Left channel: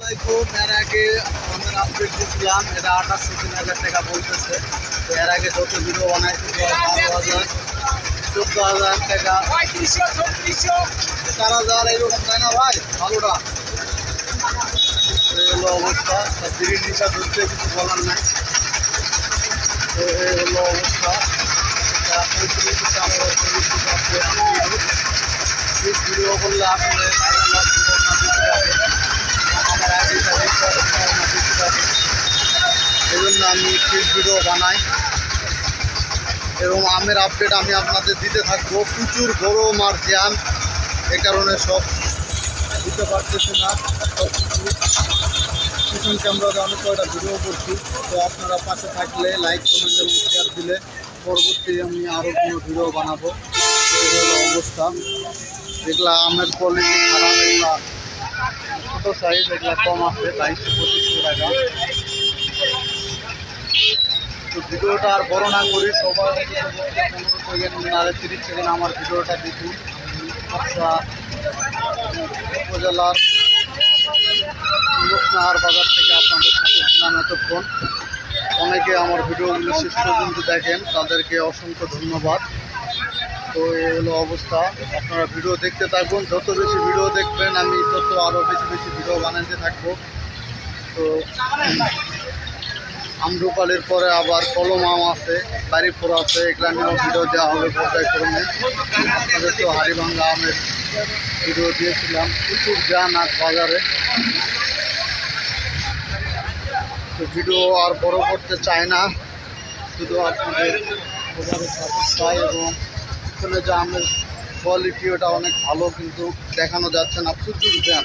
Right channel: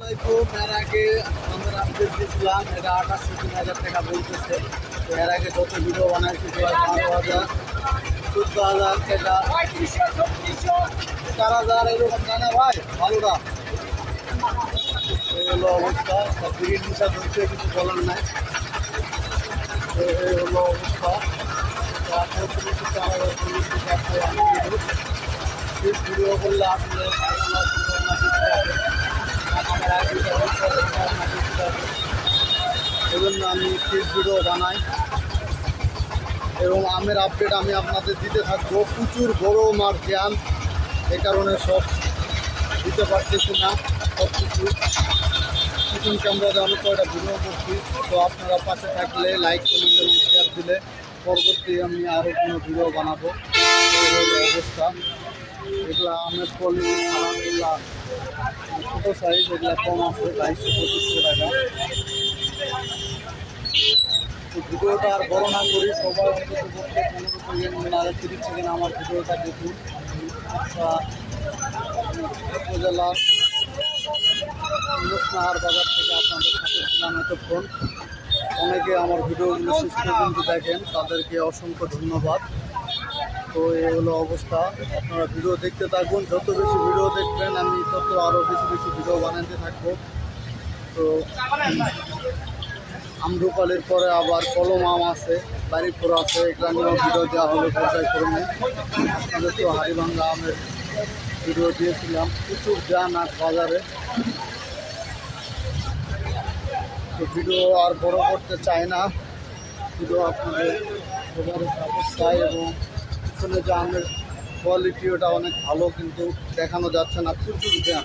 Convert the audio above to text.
এর আগে আমার আপডেট দিয়েছিলাম, এটা 28-3000 টাকা বলতেছে। তো এর আগে যত ভিডিও বানাইছি 12,000, 14,000 টাকা, 4,000 এরকম, তাই না ভাই? ভালোটা এই হলো অবস্থা। দিদির নিশা ধরতে কিছু বলার নাই। তো এই হলো অবস্থা। ভিডিও করলে আসলে আমার আইডিটা বেশি থাকে, এই জন্য আমি ফিল্ড ভিডিও বানাই এবং আমের আপডেট আমি আপনাদের দিতে থাকবো। প্রচুর গরম আর জ্যাম, এ কারণে সব দিতে পারতেছি না। সব কিছু পিছন ক্যামেরাতে অনেক কয়টা ভিডিও করছি। তো আপনারা পাশে থাকলে লাইক, কমেন্ট এবং শেয়ার দিলে পরবর্তী আমি আরও কোনো ভিডিও বানাবো। এই হলো অবস্থা। এগুলা আমের কোয়ালিটি খারাপ, এগুলা ছোটো সাইজ, এগুলা কম আছে 2200-2500 টাকা। তো ভিডিওটা আর বড় না করি, সবাই অন্তত 15 সেকেন্ড না 30 সেকেন্ড আমার ভিডিওটা দেখুন। আচ্ছা, উপজেলার নাহার বাজার থেকে আপনাদের সাথে ছিলাম এতক্ষণ। অনেকে আমার ভিডিওগুলো শেষ পর্যন্ত দেখেন, তাদেরকে অসংখ্য ধন্যবাদ। তো এই হলো অবস্থা। আপনারা ভিডিও দেখতে থাকুন, যত বেশি ভিডিও দেখবেন আমি তত আরও বেশি বেশি ভিডিও বানাতে থাকবো। তো আমরুপালির পরে আবার কলম আম আছে, বাড়িপুর আছে, এগুলা নিয়েও ভিডিও দেওয়া হবে পর্যায়ক্রমে। আপনাদের তো হাড়িভাঙ্গা আমের ভিডিও দিয়েছিলাম। প্রচুর যান আজ বাজারে। তো ভিডিও আর বড় করতে চাই না, শুধু আপনাদের সবারই সাপোর্ট চাই। এবং পিছনে যে আমের কোয়ালিটি ওটা অনেক ভালো, কিন্তু দেখানো যাচ্ছে না, প্রচুর জ্যাম।